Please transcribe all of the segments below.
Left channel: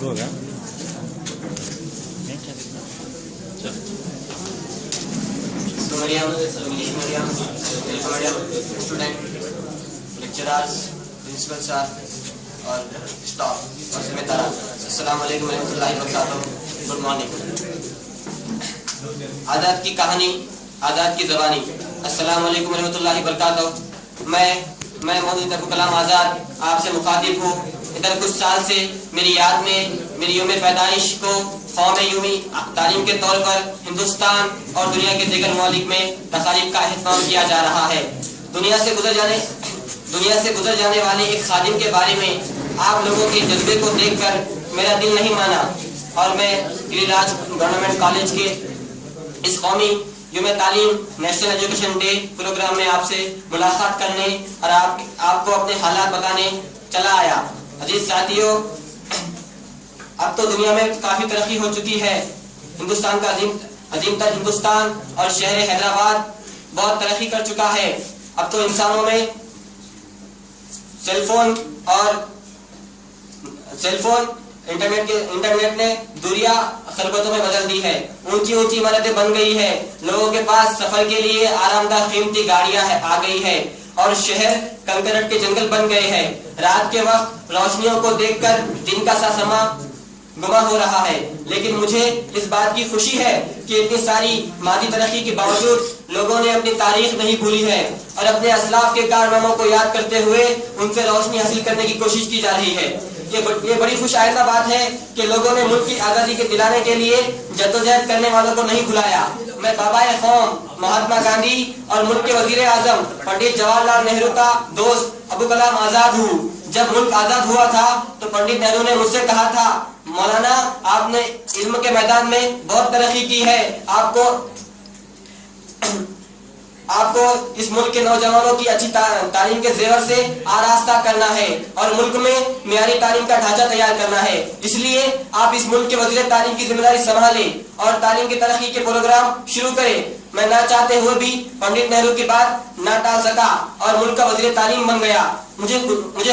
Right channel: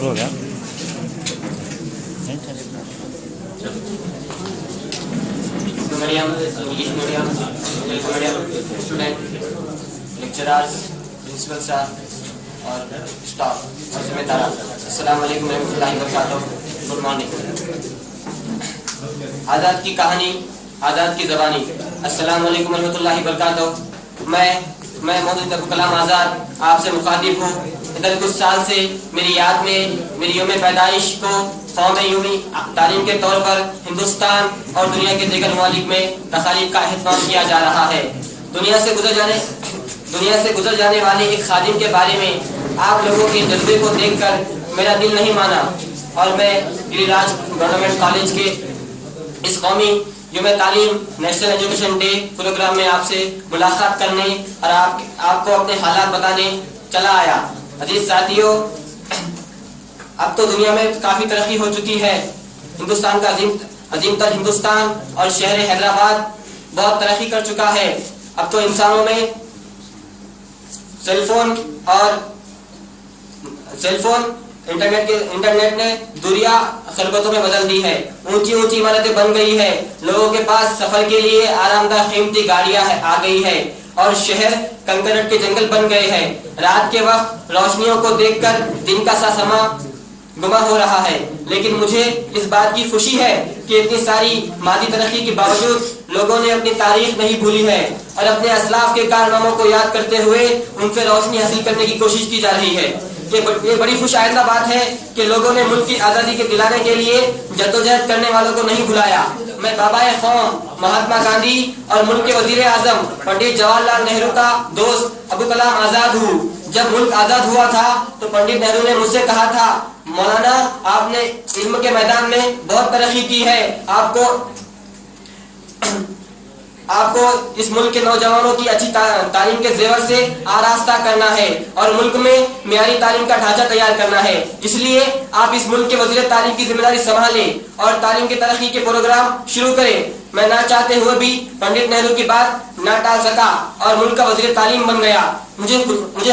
شروع ہو گیا. انگلش میڈیم تیلگو میڈیم اسٹوڈنٹ لیکچرارز پرنسپل سر اور اسٹاف اور ذمہ داران السلام علیکم ورحمۃ اللہ وبرکاتہ. گڈ مارننگ. آزاد کی کہانی آزاد کی زبانی. السلام علیکم ورحمۃ اللہ وبرکاتہ. میں مولانا ابوالکلام آزاد آپ سے مخاطب ہوں. ادھر کچھ سال سے میری یاد میں میری یوم پیدائش کو قوم یومی تعلیم کے طور پر ہندوستان اور دنیا کے دیگر ممالک میں تقاریب کا اہتمام کیا جا رہا ہے. دنیا سے گزر جانے والے ایک خادم کے بارے میں آپ لوگوں کے جذبے کو دیکھ کر میرا دل نہیں مانا اور میں گری راج گورنمنٹ کالج کے اس قومی یوم تعلیم نیشنل ایجوکیشن ڈے پروگرام میں آپ سے ملاقات کرنے اور آپ کو اپنے حالات بتانے چلا آیا. عزیز ساتھیوں، اب تو دنیا میں کافی ترقی ہو چکی ہے. ہندوستان کا عظیم تر ہندوستان اور شہر حیدرآباد بہت ترقی کر چکا ہے. اب تو انسانوں میں سیل فون انٹرنیٹ نے دوریاں خلوتوں میں بدل دی ہے. اونچی عمارتیں بن گئی ہے. لوگوں کے پاس سفر کے لیے آرام دہ قیمتی گاڑیاں آ گئی ہے اور شہر کنکریٹ کے جنگل بن گئے ہیں. رات کے وقت روشنیوں کو دیکھ کر دن کا سا سما گما ہو رہا ہے. لیکن مجھے اس بات کی خوشی ہے کہ اتنی ساری مادی ترقی کے باوجود لوگوں نے اپنی تاریخ نہیں بھولی ہے اور اپنے اسلاف کے کارناموں کو یاد کرتے ہوئے ان سے روشنی حاصل کرنے کی کوشش کی جا رہی ہے. یہ بڑی خوش آئندہ بات ہے کہ لوگوں نے ملک کی آزادی کے دلانے کے لیے جدوجہد کرنے والوں کو نہیں بھلایا. میں بابائے قوم مہاتما گاندھی اور ملک کے وزیر اعظم پنڈت جواہر لال نہرو کا دوست ابوالکلام آزاد ہوں. جب ملک آزاد ہوا تھا تو پنڈت نہرو نے مجھ سے کہا تھا، مولانا آپ نے علم کے میدان میں بہت ترقی کی ہے. آپ کو اس ملک کے نوجوانوں کی اچھی تعلیم کے زیور سے آراستہ کرنا ہے اور ملک میں معیاری تعلیم کا ڈھانچہ تیار کرنا ہے. اس لیے آپ اس ملک کے وزیر تعلیم کی ذمہ داری سنبھالیں اور تعلیم کی ترقی کے پروگرام شروع کریں. میں نہ چاہتے ہوئے بھی پنڈت نہرو کی بات نہ ٹال سکا اور ملک کا وزیر تعلیم بن گیا. مجھے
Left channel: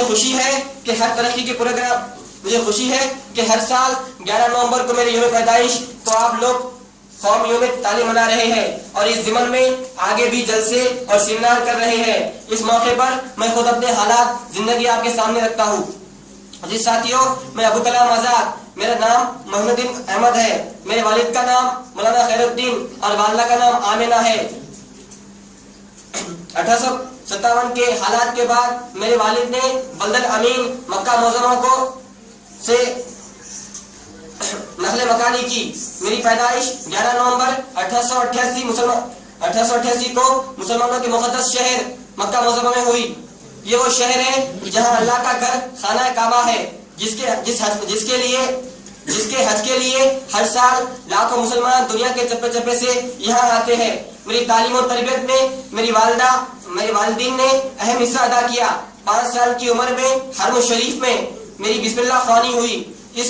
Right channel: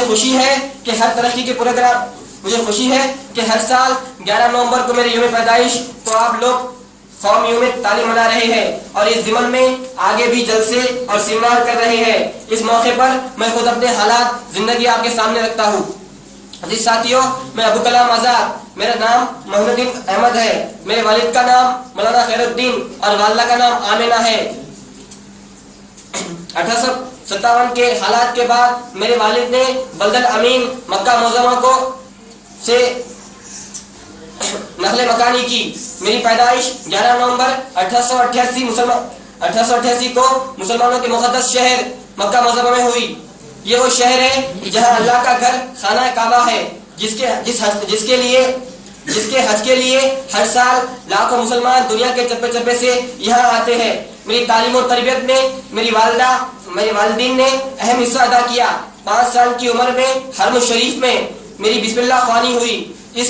خوشی ہے کہ ہر ترقی کے پروگرام مجھے خوشی ہے کہ ہر سال 11 نومبر کو میرے یوم پیدائش کو آپ لوگ قوم یوم تعلیم منا رہے ہیں اور اس ضمن میں آگے بھی جلسے اور سیمینار کر رہے ہیں. اس موقع پر میں خود اپنے حالات زندگی آپ کے سامنے رکھتا ہوں. عزیز ساتھیوں، میں ابوالکلام آزاد، میرا نام محمد الدین احمد ہے. میرے والد کا نام مولانا خیر الدین اور والدہ کا نام آمینہ ہے. 1857 کے حالات کے بعد میرے والد نے بلد الامین مکہ معظمہ سے نقل مکانی کی. میری پیدائش 11 نومبر 1888 کو مسلمانوں کے مقدس شہر مکہ معظمہ میں ہوئی. یہ وہ شہر ہے جہاں اللہ کا گھر خانہ کعبہ ہے، جس کے حج کے لیے ہر سال لاکھوں مسلمان دنیا کے چپے چپے سے یہاں آتے ہیں. میری تعلیم و تربیت میں میری والدین نے اہم حصہ ادا کیا. 5 سال کی عمر میں حرم شریف میں میری بسم اللہ خوانی ہوئی. اس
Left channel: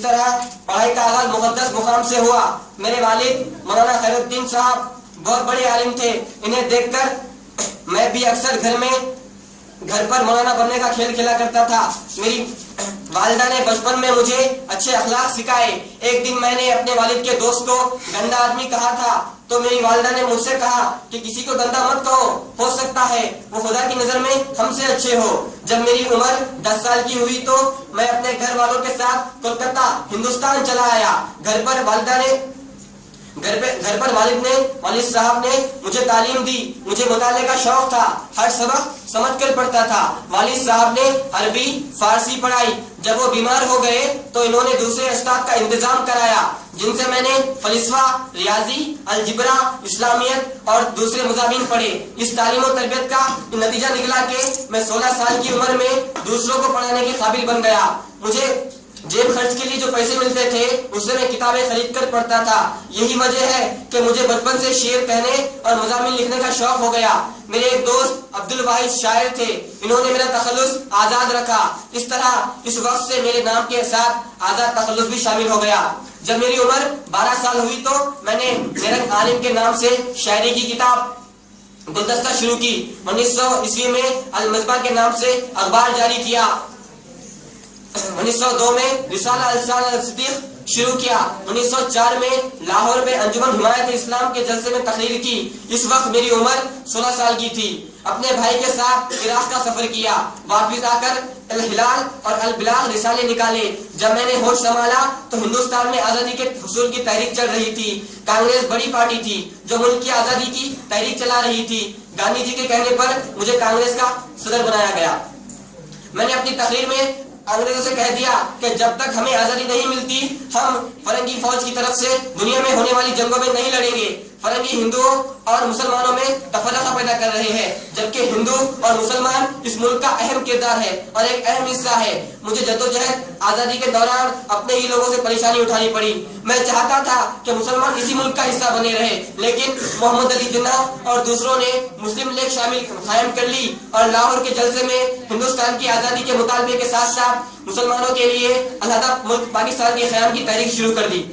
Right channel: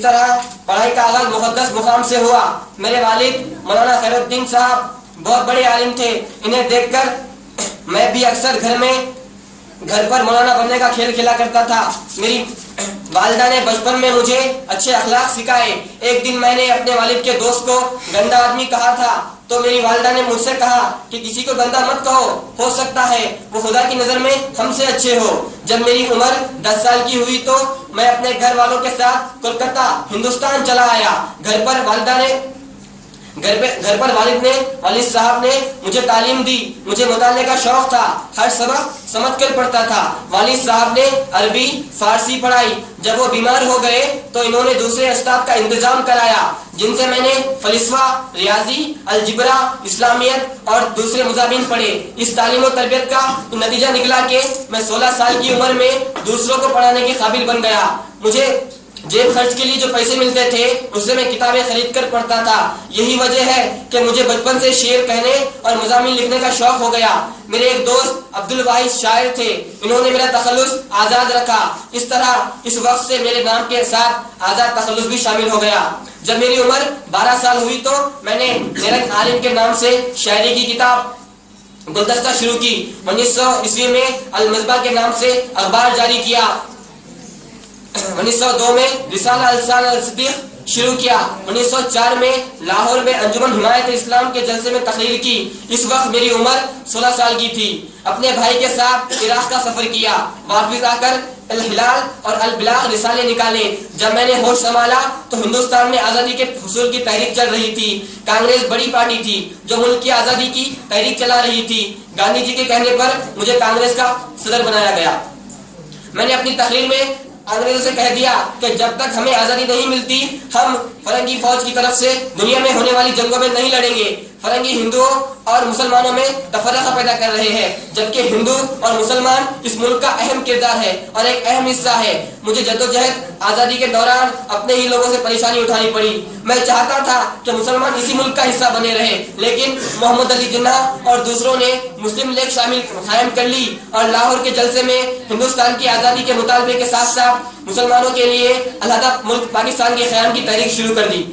طرح پڑھائی کا آغاز مقدس مقام سے ہوا. میرے والد مولانا خیر الدین صاحب بہت بڑے عالم تھے. انہیں دیکھ کر میں بھی اکثر گھر پر مولانا بننے کا کھیل کھیلا کرتا تھا. میری والدہ نے بچپن میں مجھے اچھے اخلاق سکھائے. ایک دن میں نے اپنے والد کے دوست کو گندا آدمی کہا تھا تو میری والدہ نے مجھ سے کہا کہ کسی کو گندا مت کہو، ہو سکتا ہے وہ خدا کی نظر میں ہم سے اچھے ہو. جب میری عمر 10 سال کی ہوئی تو میں اپنے گھر والوں کے ساتھ کولکتہ ہندوستان چلا آیا. گھر پر والد صاحب نے مجھے تعلیم دی. مجھے مطالعے کا شوق تھا. ہر سبق سمجھ کر پڑھتا تھا. والد صاحب نے عربی فارسی پڑھائی. جب وہ بیمار ہو گئے تو انہوں نے دوسرے استاد کا انتظام کرایا جن سے میں نے فلسفہ، ریاضی، الجبرا، اسلامیت اور دوسرے مضامین پڑھے. اس تعلیم و تربیت کا نتیجہ نکلا کہ میں 16 سال کی عمر میں دوسروں کو پڑھانے کے قابل بن گیا. مجھے جیب خرچ کے لیے جو پیسے ملتے تھے اس سے میں کتابیں خرید کر پڑھتا تھا. یہی وجہ ہے کہ مجھے بچپن سے شعر کہنے اور مضامین لکھنے کا شوق ہو گیا. میرے ایک دوست عبدالواحد شاعر تھے. انہوں نے میرا تخلص آزاد رکھا. اس طرح اس وقت سے میرے نام کے ساتھ آزاد تخلص بھی شامل ہو گیا. جب میری عمر 12 سال ہوئی تو میں نے میرے عالم کے نام سے شاعری کی کتاب گلدستہ شروع کی. 1900 عیسوی میں المصباح کے نام سے اخبار جاری کیا. 1902 में रिसाला अल-लिसान अल-सिद्दीक शुरू किया। 1904 में लाहौर में अंजुमन हिमायत इस्लाम के जलसे में तकरीर की। इस वक्त मेरी उम्र 16 साल की थी। अपने भाई के साथ इराक का सफर किया। वापस आकर अल हिलाल और अल बिलाग रिसाले निकाले। जब मैंने होश संभाला तो हिंदुस्तान में आजादी के हुसूल की तहरीक चल रही थी। कांग्रेस बड़ी पार्टी थी जो मुल्क की आजादी की तहरीक चला रही थी। गांधी जी के कहने पर मुझे कांग्रेस का सदर बनाया गया। मैंने अपनी तकरीर में अंग्रेजों से कह दिया कि जब तक हमें आजादी नहीं मिलती हम फरंगी फौज की तरफ से दुनिया में होने वाली जंगों में नहीं लड़ेंगे। फरंगी हिंदुओं और मुसलमानों में तफरका पैदा कर रहे हैं, जबकि हिंदू और मुसलमान इस मुल्क का अहम किरदार है और एक अहम हिस्सा है। मुझे जद्दोजहद आजादी के दौरान अपने ही लोगों से परेशानी उठानी पड़ी। मैं चाहता था कि मुसलमान इसी मुल्क का हिस्सा बने रहे, लेकिन मोहम्मद अली जिन्नाह और दूसरों ने मुस्लिम लीग शामिल कायम कर ली और लाहौर के जलसे में हिंदुस्तान की आजादी के मुतालबे के साथ साथ मुसलमानों के लिए अलहदा मुल्क पाकिस्तान के क़याम की तहरीक शुरू कर दी।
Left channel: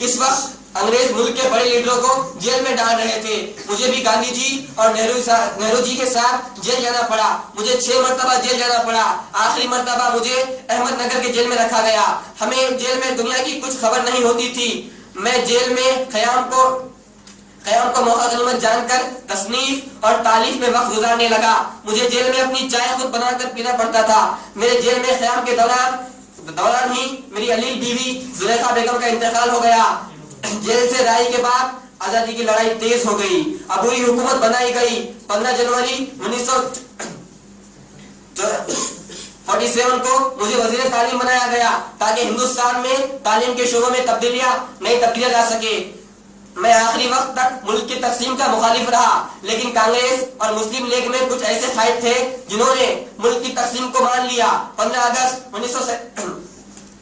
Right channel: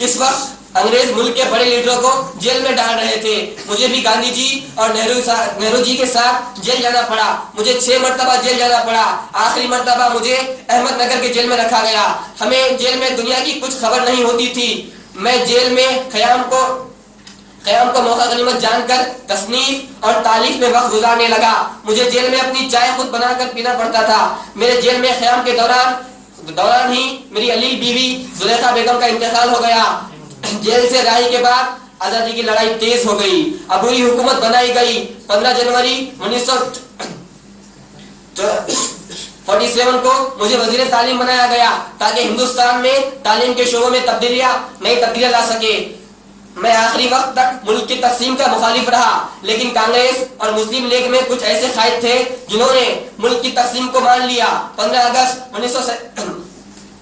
इस वक्त अंग्रेज मुल्क के बड़े लीडरों को जेल में डाल रहे थे। मुझे भी गांधी जी और नेहरू जी के साथ जेल जाना पड़ा। मुझे 6 मरतबा जेल जाना पड़ा। आखिरी मरतबा मुझे अहमदनगर के जेल में रखा गया। हमें जेल में दुनिया की कुछ खबर नहीं होती थी। मैं जेल में क़याम को मौका गनीमत जानकर तसनीफ और तालीफ में वक्त गुजारने लगा। मुझे जेल में अपनी चाय खुद बनाकर पीना पड़ता था। मेरे जेल में क़याम के दौरान ही मेरी अलील बीवी जुलेखा बेगम का इंतकाल हो गया। जेल से राही के बाद आजादी की लड़ाई तेज हो गई। अबूरी हुकूमत बनाई गई। 15 जनवरी 1947 को मुझे वजीर तालीम बनाया गया ताकि हिंदुस्तान में तालीम के शोबों में नई तब्दीलियां ला सके। मैं आखिरी वक्त तक मुल्क की तकसीम का मुखालिफ रहा, लेकिन कांग्रेस और मुस्लिम लीग में कुछ ऐसे कायद थे जिन्होंने मुल्क की तकसीम को मान लिया। 15 अगस्त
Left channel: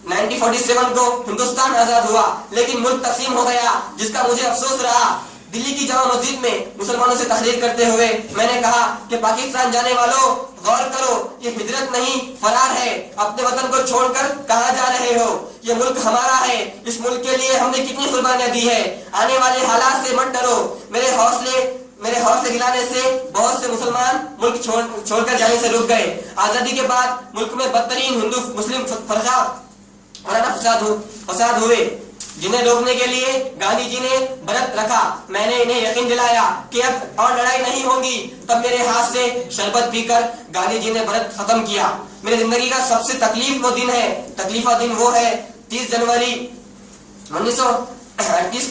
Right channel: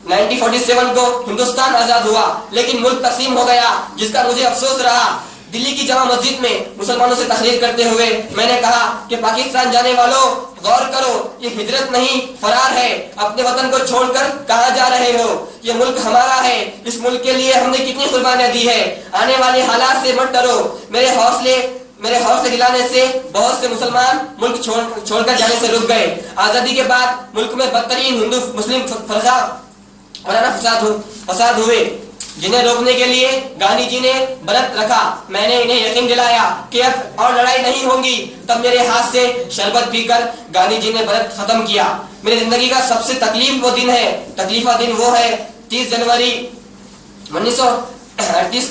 1947 को हिंदुस्तान आजाद हुआ, लेकिन मुल्क तकसीम हो गया, जिसका मुझे अफसोस रहा। दिल्ली की जामा मस्जिद में मुसलमानों से तकरीर करते हुए मैंने कहा कि पाकिस्तान जाने वालों, गौर करो, ये हिजरत नहीं फरार है। अपने वतन को छोड़कर कहां जा रहे हो? ये मुल्क हमारा है। इस मुल्क के लिए हमने कितनी कुर्बानियां दी है। आने वाले हालात से मत डरो। मेरे हौसले दिलाने से बहुत से मुसलमान मुल्क छोड़कर जाने से रुक गए। आजादी के बाद मुल्क में बदतरीन हिंदू मुस्लिम फसाद हुए, जिन्हें रोकने के लिए गांधी जी ने व्रत रखा। मैंने इन्हें यकीन दिलाया कि अब और लड़ाई नहीं होगी। तब मेरे हाथ से शरबत पीकर गांधी जी ने व्रत खत्म किया। मेरी जिंदगी का सबसे तकलीफा दिन वो है 30 जनवरी 1938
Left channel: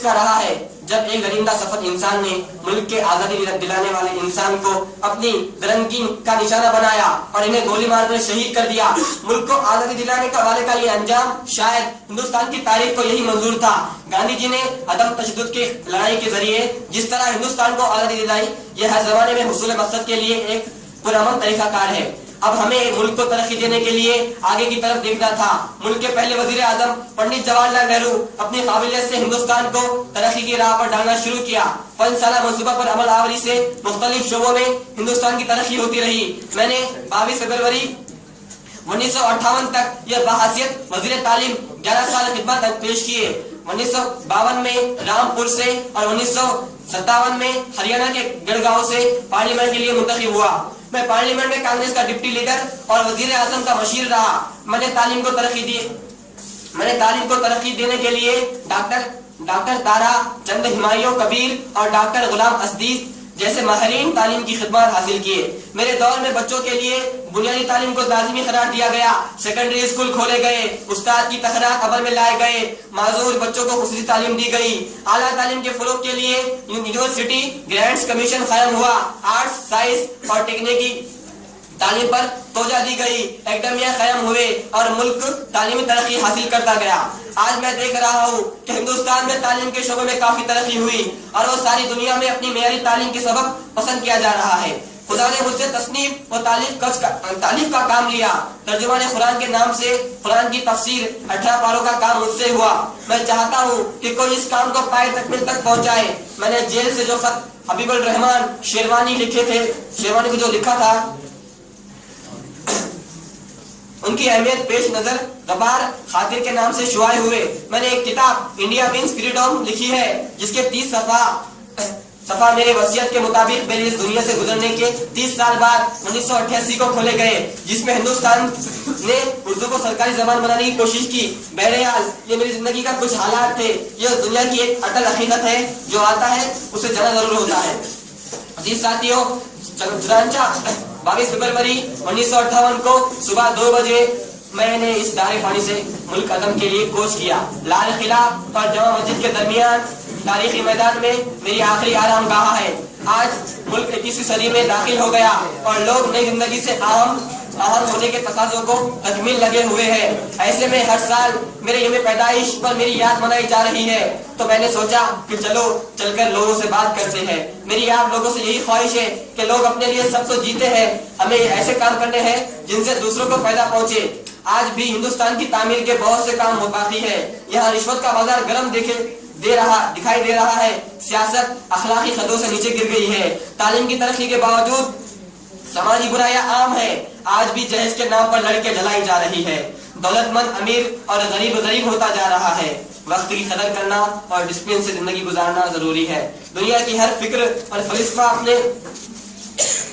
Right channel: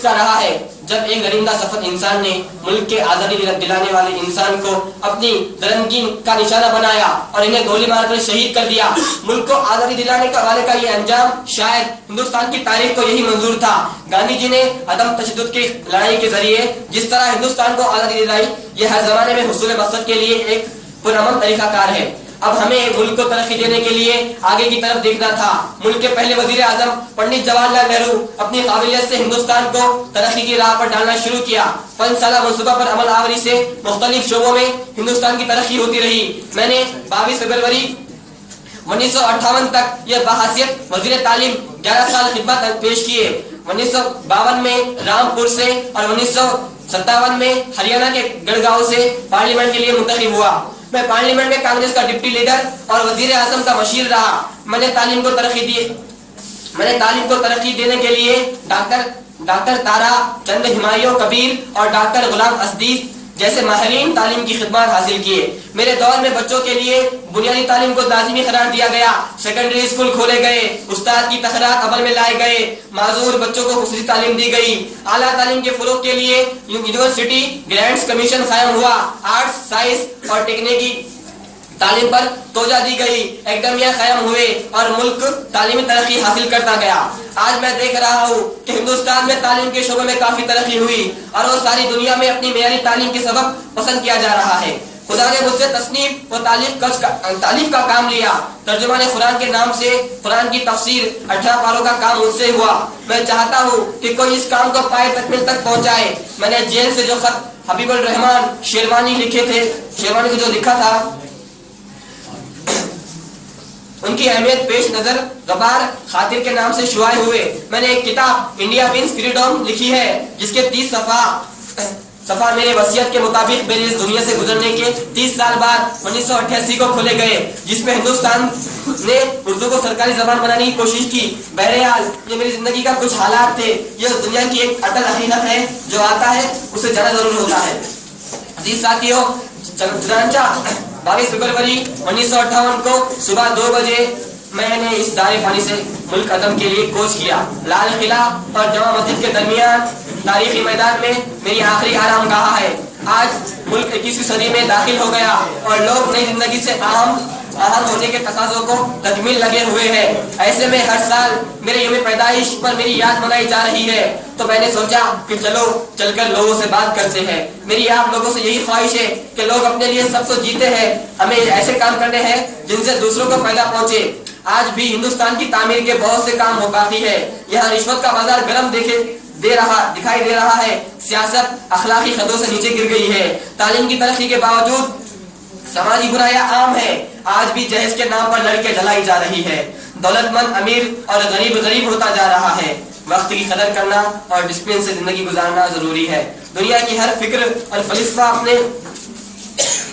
का रहा है, जब एक दरिंदा सफर इंसान ने मुल्क के आजादी दिलाने वाले इंसान को अपनी दरंगी का निशाना बनाया और इन्हें गोली मारकर शहीद कर दिया। मुल्क को आजादी दिलाने वाले का ये अंजाम शायद हिंदुस्तान की तारीख को यही मंजूर था। गांधी जी ने अदम तशद्दुद की लड़ाई के जरिए जिस तरह हिंदुस्तान को आजादी दिलाई, यह हर जमाने में हुसूल मकसद के लिए एक पुरअमन तरीकाकार है। अब हमें मुल्क को तरक्की देने के लिए आगे की तरफ देखना था। मुल्क के पहले वजीर आजम पंडित जवाहरलाल नेहरू अपनी काबिलियत से हिंदुस्तान को तरक्की की राह पर डालना शुरू किया। 5 साला मंसूबा पर अमल आवरी से मुख्तलिफ शोबों में हिंदुस्तान की तरक्की होती रही। मैंने 22 फरवरी 1958 तक यह बहासियत वजीर तालीम 11 साल खिदमत पेश किए। 1952 में रामपुर से और 1957 में हरियाणा के गढ़गांव से पार्लियामेंट के लिए मुंतखब हुआ। मैं पार्लियामेंट में कांग्रेस का डिप्टी लीडर और वजीर आजम का मशीर रहा। मैंने तालीम को तरक्की देने के लिए डॉक्टर तारा चंद हिमायूं कबीर और डॉक्टर गुलाम असदीस जैसे माहिरीन तालीम की खिदमत हासिल किए। मेरे दौर में बच्चों के लिए बुनियादी तालीम को लाजिमी करार दिया गया। सेकेंडरी स्कूल खोले गए, उस्ताद की तखरात अमल में लाए गए, माजूर बच्चों को खुसूसी तालीम दी गई। आला तालीम के फरोग के लिए यूनिवर्सिटी ग्रांट्स कमीशन कायम हुआ। आर्ट्स, साइंस और टेक्निकी तालीम पर तोजा दी गई। एकेडमिया कायम हुए और मुल्क तालीमी तरक्की हासिल करता गया। आज मैं देख रहा हूँ कि हिंदुस्तान में तालीम के शोबे में काफी तरक्की हुई और वो सारी दुनिया में अपनी मेयारी तालीम के सबब पसंद किया जा रहा है। खुदा ने मुझसे तस्नीफ और तालीफ का काम लिया। तर्जुमाने कुरान के नाम से कुरान की तफसीर 18 पारों का काम मुझसे हुआ। मैं चाहता हूँ कि कोई इस काम को पाए तकमील तक पहुँचाए। मैंने जेल से जो खत हबीबुल रहमान शेरवानी लिखे थे, शेरवानी को जो लिखा था, उनकी अहमियत पेश नजर गबार खातिर के नाम से शुआए हुए। मैंने एक किताब इंडिया विंस फ्रीडम लिखी है, जिसके 30 सफ़ा सफा मेरे वसीयत के मुताबिक मेरी इस दुनिया से गुजरने के 30 साल बाद 1988 को खोले गए, जिसमें हिंदुस्तान ने उर्दू को सरकारी जबान बनाने की कोशिश की। बहरहाल ये मेरी जिंदगी का कुछ हालात थे। यह दुनिया की एक अटल हकीकत है, जो आता है उसे जाना जरूर होता है। अजीज साथियों, चनांचा 22 फरवरी 1958 को सुबह 2 बजे मैंने इस दारे पानी से मुल्क अदम के लिए कोच किया। लाल किला और जमा मस्जिद के दरमियान तारीखी मैदान में मेरी आखिरी आराम गाह है। आज मुल्क 21वीं सदी में दाखिल हो गया और लोग नई जिंदगी से अहम होने के तकाज़ों को तकमील लगे हुए हैं। ऐसे में हर साल मेरे यौम पैदाइश पर मेरी याद मनाई जा रही है, तो मैंने सोचा कि चलो चलकर लोगों से बात करते हैं। मेरी आप लोगों से यही ख्वाहिश है कि लोग अपने लिए सब तो जीते हैं, हमें ऐसे काम करने हैं जिनसे दूसरों को फायदा पहुंचे। आज भी हिंदुस्तान की तामीर के बहुत से काम हो बाकी है। यहाँ रिश्वत का बाजार गर्म दिखाई दे रहा है। सियासत अखलाकी खतों से नीचे गिर गई है। तालीम की तरक्की के बावजूद समाजी बुराइयां आम है। आज भी जहेज के नाम पर लड़के जलाई जा रही है। दौलतमंद अमीर और गरीब गरीब होता जा रहा है। वक्त की कदर करना और डिसिप्लिन से जिंदगी गुजारना जरूरी है। दुनिया की हर फिक्र और फलिस्फा अपने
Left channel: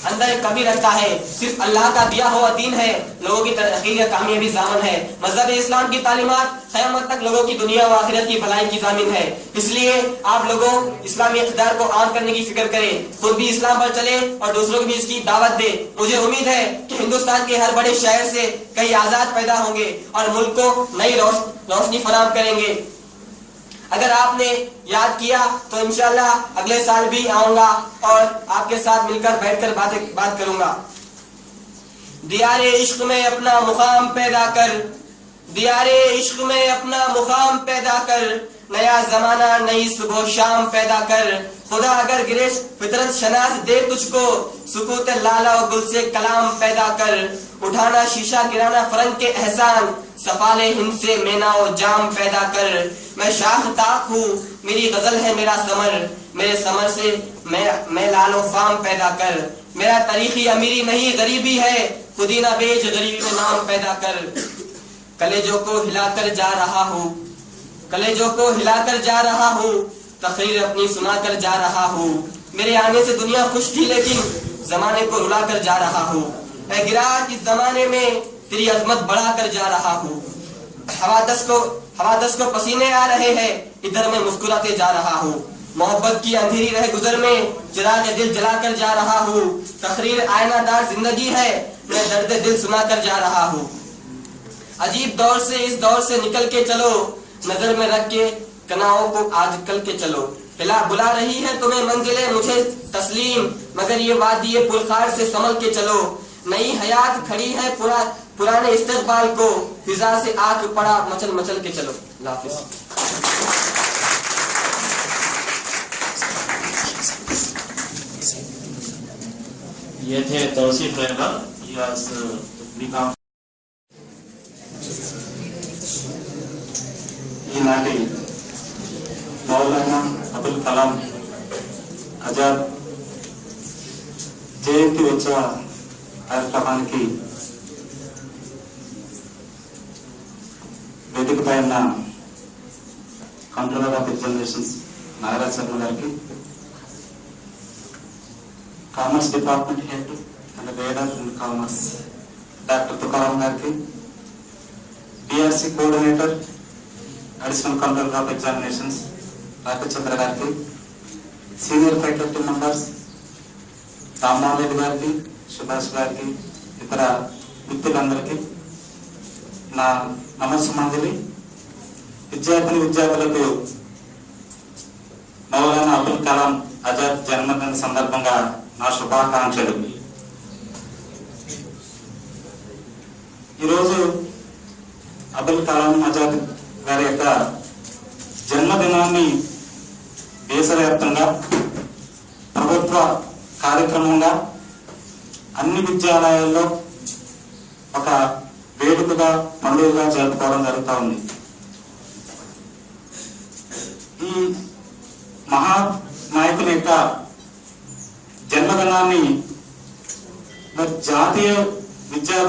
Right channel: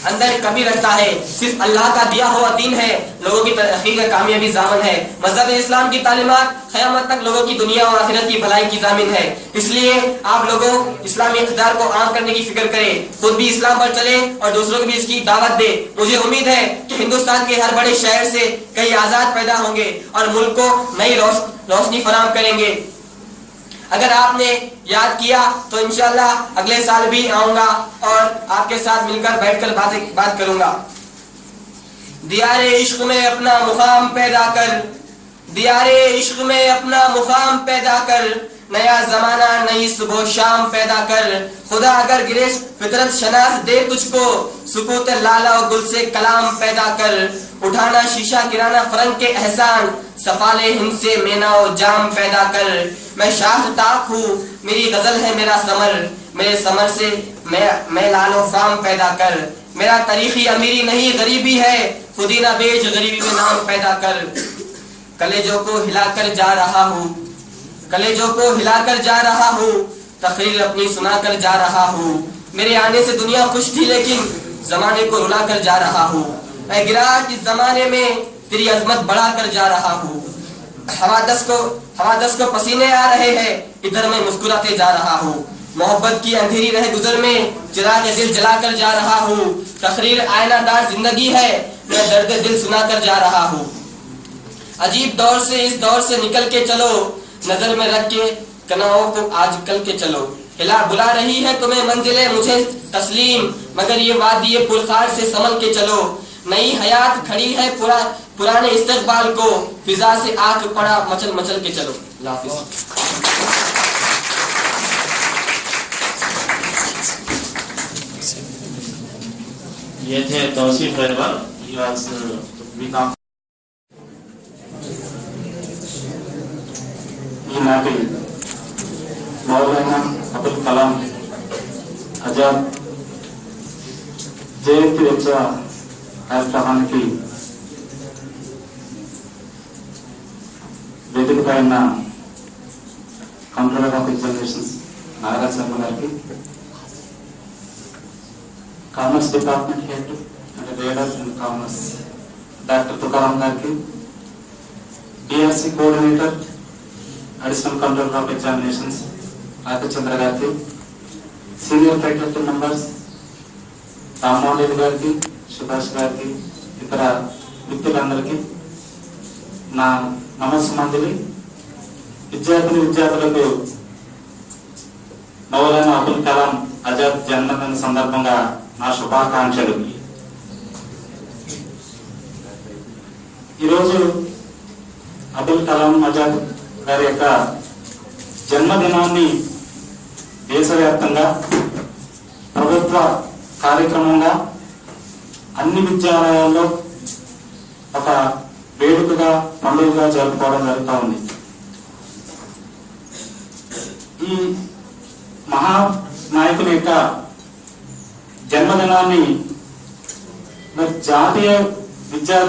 अंदर कमी रखता है। सिर्फ अल्लाह का दिया हुआ दीन है लोगों की तरक्की का कामयाबी ज़ामन है। मज़हब इस्लाम की तालीमात क़यामत तक लोगों की दुनिया और आखिरत की भलाई की ज़ामिन है। इसलिए आप लोगों इस्लामी इक़्तिदार को आम करने की फिक्र करें, खुद भी इस्लाम पर चले और दूसरों को भी इसकी दावत दे। मुझे उम्मीद है कि हिंदुस्तान के हर बड़े शहर से कई आज़ाद पैदा होंगे और मुल्क को नई रोशनी फराहम करेंगे। अगर आपने याद किया तो इंशाअल्लाह अगले साल भी आऊंगा और आपके साथ मिलकर बैठकर बात करूंगा। दियारे इश्क में अपना मुकाम पैदा कर, दियारे इश्क में अपना मुकाम पैदा कर, नया जमाना नई सुबह शाम पैदा कर। खुदा अगर गिरेश फितरत शनास दे तुझको, सुकूत लाला और गुल से कलाम पैदा कर। उठाना शीशा गिराना फरंग के एहसान, सफाले हिंद से मेना और जाम पैदा कर। मैं शाह ताक हूँ, मेरी गजल है मेरा समर, मेरे समर से मैं लालो फाम पैदा कर। मेरा तारीखी अमीरी नहीं गरीबी है, खुदी ना बेच गरीबी में नाम पैदा कर। कलेजों को हिलाकर जा रहा हूँ, कलेजों को हिलाकर जा रहा हूँ, तकरीर अपनी सुनाकर जा रहा हूँ। मेरे आने से दुनिया खुश थी लेकिन जमाने को रुला कर जा रहा हूँ। मैं गिरा इस जमाने में तेरी अजमत बढ़ा कर जा रहा हूँ। हवादस को पसीने आ रहे हैं, इधर मैं मुस्कुराते जा रहा हूँ। मोहब्बत की अंधेरी रह गुजर में चिराग दिल जला कर जा रहा हूँ। तकरीर आयनादार जिंदगी है, मैं दर्द दिल सुना कर जा रहा हूँ। अजीब दौर से इस दौर से निकल के चलो, नजर में रख के कनाओं को आज कल के चलो। हिला बुला रही है तुम्हें मंजिले मुझे तस्लीम, मगर ये वादी पुरखार से संभल के चलो। नई हयात खड़ी है पुराने इस्तकबाल को, फिजा से आंख पड़ा मचल मचल के चलो। अल्लाह हाफिज़। ये थे तौसीफ रहबर। ఈనాటి మౌలానా అబుల్ కలాం ఆజాద్ జయంతి వచ్చే కార్యక్రమానికి వేదికపై ఉన్న controller of examinations Nagaraj Sharma గారికి, commerce department head and reader in commerce doctor Tukaram గారికి, DRC coordinator additional controller of examinations Raghachandra గారికి, senior faculty members Rammohan Reddy గారికి, సుభాష్ గారికి, ఇతర మిత్రులందరికీ నా నమస్సుమాంజలి. విద్యార్థులకు మౌలానా అబుల్ కలాం ఆజాద్ జన్మదిన సందర్భంగా నా శుభాకాంక్షలు. ఈరోజు అబుల్ కలాం ఆజాద్ గారి యొక్క జన్మదినాన్ని దేశవ్యాప్తంగా ప్రభుత్వ కార్యక్రమంగా అన్ని విద్యాలయాల్లో ఒక వేడుకగా పండుగగా జరుపుకోవడం జరుగుతూ ఉంది. ఈ మహా నాయకుని యొక్క జన్మదినాన్ని జాతీయ విద్యా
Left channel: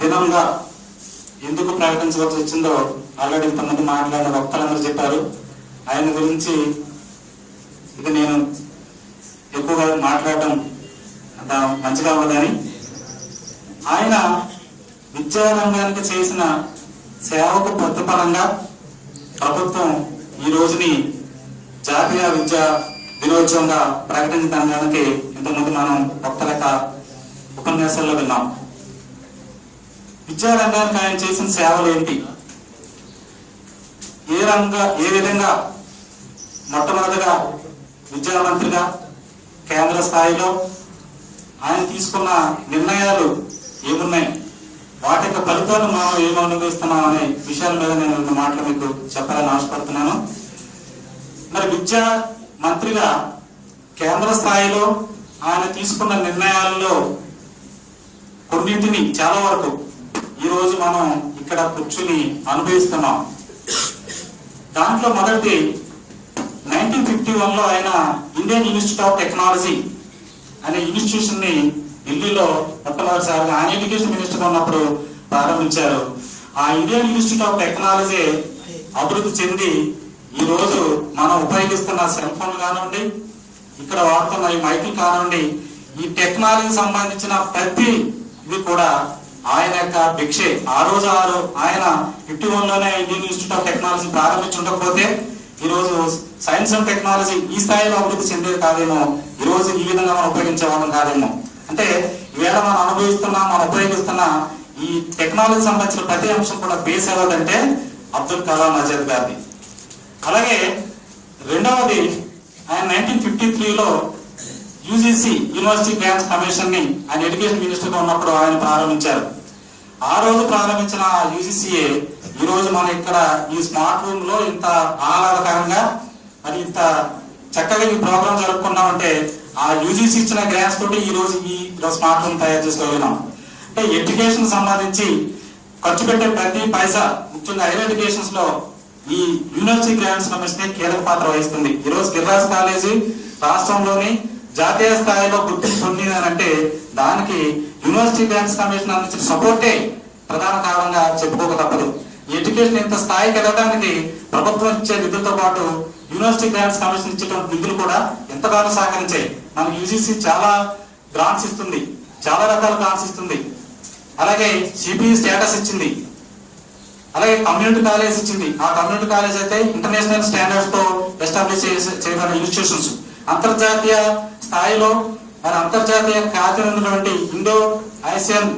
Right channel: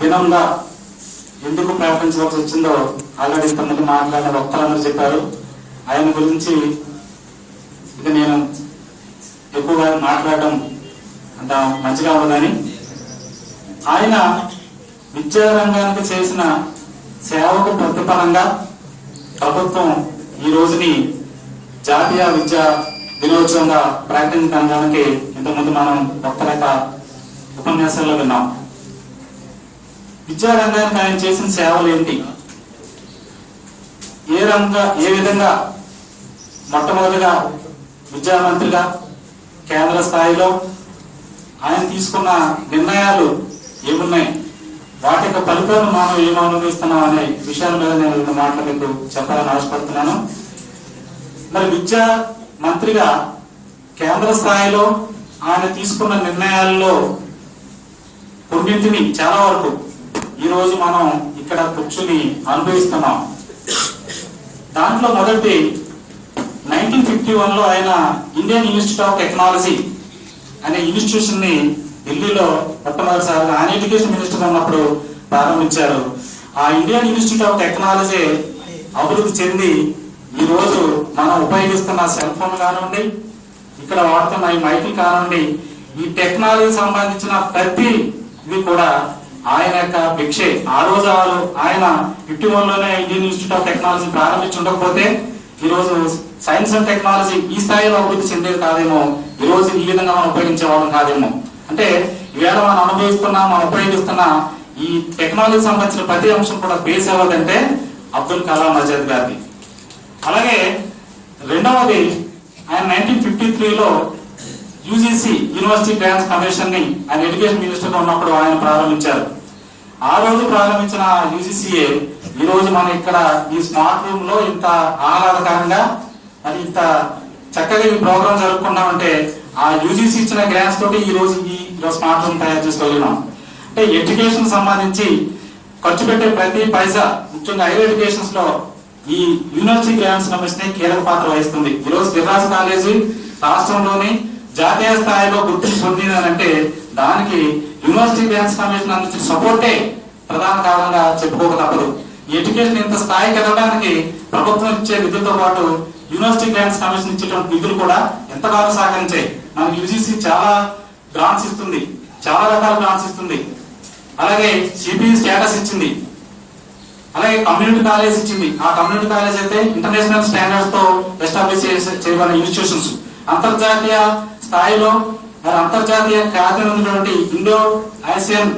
దినంగా ఎందుకు ప్రకటించవలసి వచ్చిందో ఆల్రెడీ ఇంతమంది మాట్లాడిన వక్తలందరూ చెప్పారు. ఆయన గురించి ఇక నేను ఎక్కువగా మాట్లాడడం అంత మంచిగా ఉండదని, ఆయన విద్యారంగానికి చేసిన సేవకు ప్రతిఫలంగా ప్రభుత్వం ఈ రోజుని జాతీయ విద్యా దినోత్సవంగా ప్రకటించడానికి ఇంతకుముందు మనం ఒక్కరేక ఉపన్యాసాల్లో విన్నాం. విద్యారంగానికి ఆయన చేసిన సేవలు ఏంటి, ఏ విధంగా మొట్టమొదటిగా విద్యామంత్రిగా కేంద్ర స్థాయిలో ఆయన తీసుకున్న నిర్ణయాలు ఏమున్నాయి, వాటి యొక్క ఫలితాలు మనం ఏం అనుభవిస్తున్నాం అనే విషయాల మీద నేను 2 మాటలు మీకు చెప్పాలని ఆశపడుతున్నాను. మరి విద్యా మంత్రిగా కేంద్ర స్థాయిలో ఆయన తీసుకున్న నిర్ణయాల్లో కొన్నింటిని చాలా వరకు ఈ రోజు మనం ఇక్కడ కూర్చుని అనుభవిస్తున్నాం. దాంట్లో మొదటి 1951లో ఆయన ఇండియన్ ఇన్స్టిట్యూట్ ఆఫ్ టెక్నాలజీ అనే ఇన్స్టిట్యూషన్ ని ఢిల్లీలో మొట్టమొదటిసారిగా ఆయన ఎడ్యుకేషన్ మినిస్టర్ ఉన్నప్పుడు ప్రారంభించారు. ఆ ఇండియన్ ఇన్స్టిట్యూట్ ఆఫ్ టెక్నాలజీ అభివృద్ధి చెంది ఈ రోజు మనం ఉపయోగిస్తున్న సెల్ ఫోన్ కానివ్వండి, ఇక్కడ వాడుతున్న ఈ మైకులు కానివ్వండి, ఈ టెక్నాలజీ సంబంధించిన ప్రతి ఇది కూడా ఆయన యొక్క భిక్షే. ఆ రోజు ఆయన 51లోనే ఇండియన్ ఇన్స్టిట్యూట్ ఆఫ్ టెక్నాలజీ ప్రారంభించకపోతే ఈ రోజు సైన్స్ అండ్ టెక్నాలజీ ఈ స్థాయిలో అభివృద్ధి చెందేది కాదేమో, ఈ రోజు ఈ విధంగా మనం ఉపయోగించే వాళ్ళం కాదేమో. అంటే ఈవేళ మనం అనుభవిస్తున్నా మనం ఉపయోగిస్తున్న ఈ టెక్నాలజీ సంబంధించిన ప్రతి అంశం కూడా బేస్ అవ్వదంటే అబ్దుల్ కలాం ఆజాద్ గారిది. అలాగే రెండవది ఆయన 1953లో యూజీసీ యూనివర్సిటీ గ్రాంట్స్ కమిషన్ ని ఆయన ఎడ్యుకేషన్ మినిస్టర్ గా ఉన్నప్పుడు ఆయన ప్రారంభించారు. ఆ రోజు ప్రారంభించిన యూజీసీఏ ఈ రోజు మనం ఇక్కడ ఈ స్మార్ట్ రూమ్ లో ఇంత ఆహ్లాదకరంగా మరి ఇంత చక్కగా ఈ ప్రోగ్రామ్ జరుపుకున్నామంటే ఆ యూజీసీ ఇచ్చిన గ్రాంట్స్ తోటి ఈ రోజు స్మార్ట్ రూమ్ తయారు చేసుకోగలిగాం. అంటే ఎడ్యుకేషన్ సంబంధించి ఖర్చు పెట్టే ప్రతి పైసా ముఖ్యంగా హైయర్ ఎడ్యుకేషన్స్ లో ఈ యూనివర్సిటీ గ్రాంట్స్ కమిషన్ కీలక పాత్ర వహిస్తుంది. ఈ రోజు గిరిరాజ్ కాలేజీ రాష్ట్రంలోని జాతీయ స్థాయిలో గుర్తింపు పొందిందంటే దానికి యూనివర్సిటీ గ్రాంట్స్ కమిషన్ అందించిన సపోర్టే ప్రధాన కారణంగా చెప్పుకోక తప్పదు. ఎడ్యుకేషన్ ఇంత స్థాయికి ఎదగడానికి ప్రభుత్వం ఇచ్చే నిధులతో పాటు యూనివర్సిటీ గ్రాంట్స్ కమిషన్ ఇచ్చేటువంటి నిధులు కూడా ఎంతగానో సహకరించాయి. మనకి యూజీసీ చాలా గ్రాంట్స్ ఇస్తుంది, చాలా రకాల గ్రాంట్స్ ఇస్తుంది. అలాగే సిపిఈ స్టేటస్ ఇచ్చింది, అలాగే కమ్యూనిటీ కాలేజ్ ఇచ్చింది. ఆ కమ్యూనిటీ కాలేజ్ అయితే ఇంటర్నేషనల్ స్టాండర్డ్స్ తో ఎస్టాబ్లిష్ చేయబడిన ఇన్స్టిట్యూషన్స్. అంతర్జాతీయ స్థాయిలో మరి అంతర్జాతీయ ఖ్యాతి ఉన్నటువంటి ఇండో ఐసియన్